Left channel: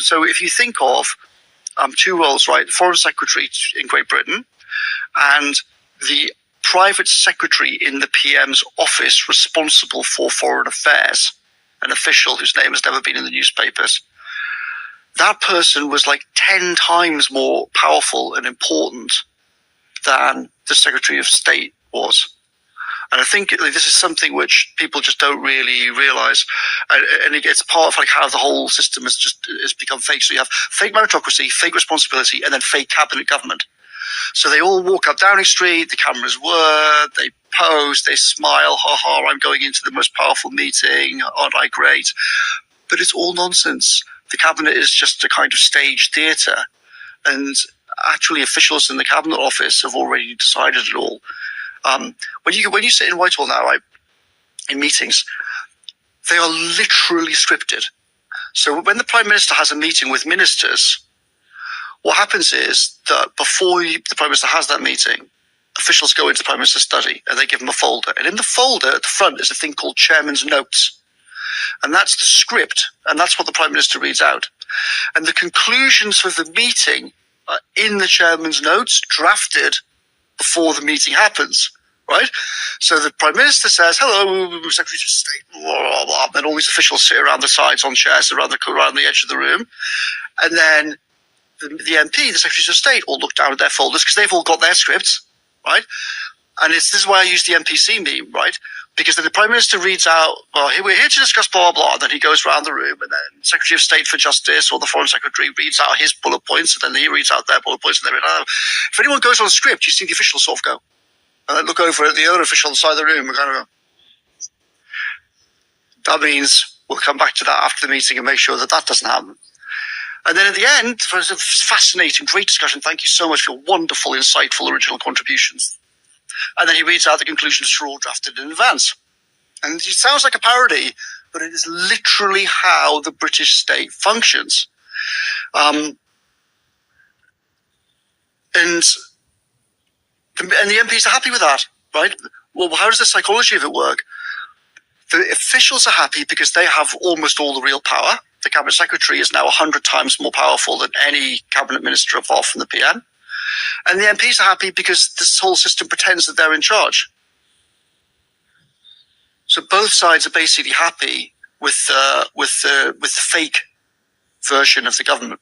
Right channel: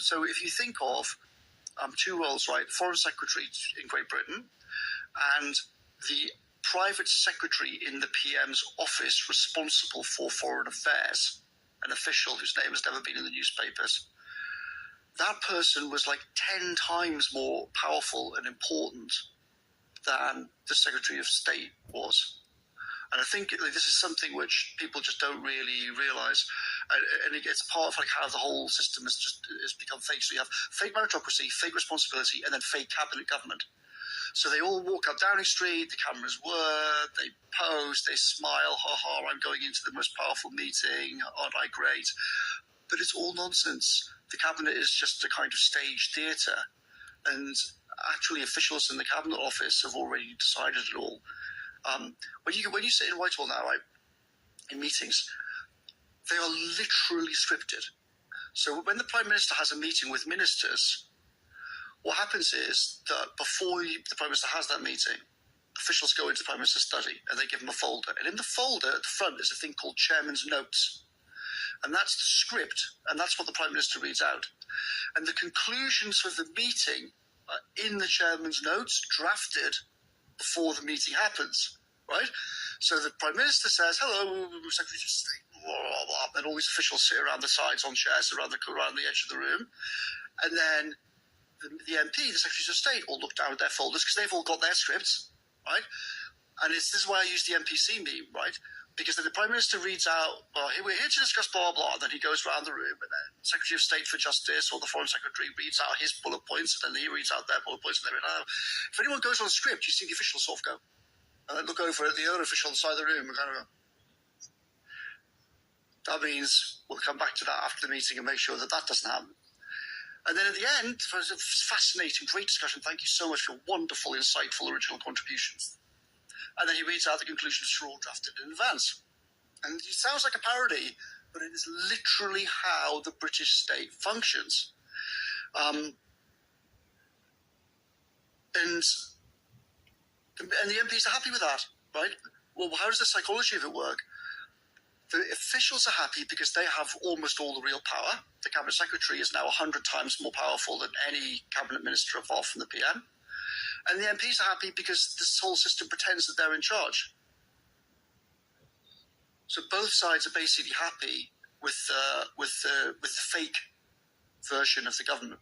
So if you think of two roles, right? The Foreign Secretary in Great Britain and the private secretary in the PM's office responsible for foreign affairs, an official whose name has never been in the newspapers. That person was like 10 times more powerful and important than the Secretary of State was. And I think this is something which people just don't really realize. And it's part of like how the whole system has become fake. So you have fake meritocracy, fake responsibility, and then fake cabinet government. So they all walk up Downing Street, the cameras whir, they pose, they smile, ha ha, I'm going into the most powerful meeting, aren't I great? But it's all nonsense. The cabinet is just a kind of stage theatre. And actually officials in the cabinet office have already decided it all. When you sit in Whitehall now, right, in meetings, they are literally scripted. So when the Prime Minister has a meeting with ministers, what happens is that before the Prime Minister has that meeting, officials go into the Prime Minister's study and they give him a folder. And in the folder at the front is a thing called Chairman's Notes. And that's the script, and that's what the Prime Minister reads out. And the conclusions for the meeting are in the Chairman's Notes, drafted before the meeting happens, right? So the Prime Minister says, hello, Secretary of State, blah, blah, blah, and all these officials sit around the sides on chairs around the edge of the room. And then the MP, the Secretaries of State, all look down at their folders because they've all got their scripts, right? And this is why I use the NPC meme, right? Because then the Prime Minister reads out, well, we're here to discuss blah, blah, and then he goes around the room, and then Secretary of State for Justice or the Foreign Secretary reads out his bullet points, and then he reads out their bullet points, and if anyone goes on script, you see the officials sort of go, and then look over at the other official on the side of the room and kind of go, that means we'll come back to that after the meeting and make sure that that doesn't happen. And then at the end, for a fascinating, great discussion, thank you so much for your wonderful, insightful, original contributions. And then he reads out the conclusions which are all drafted in advance. And it sounds like a parody, but it is literally how the British state functions. And the MPs are happy with that, right? Well, how does the psychology of it work? The officials are happy because they have almost all the real power. The cabinet secretary is now 100 times more powerful than any cabinet minister involved from the PM. And the MPs are happy because this whole system pretends that they're in charge. So both sides are basically happy with the fake version of the government.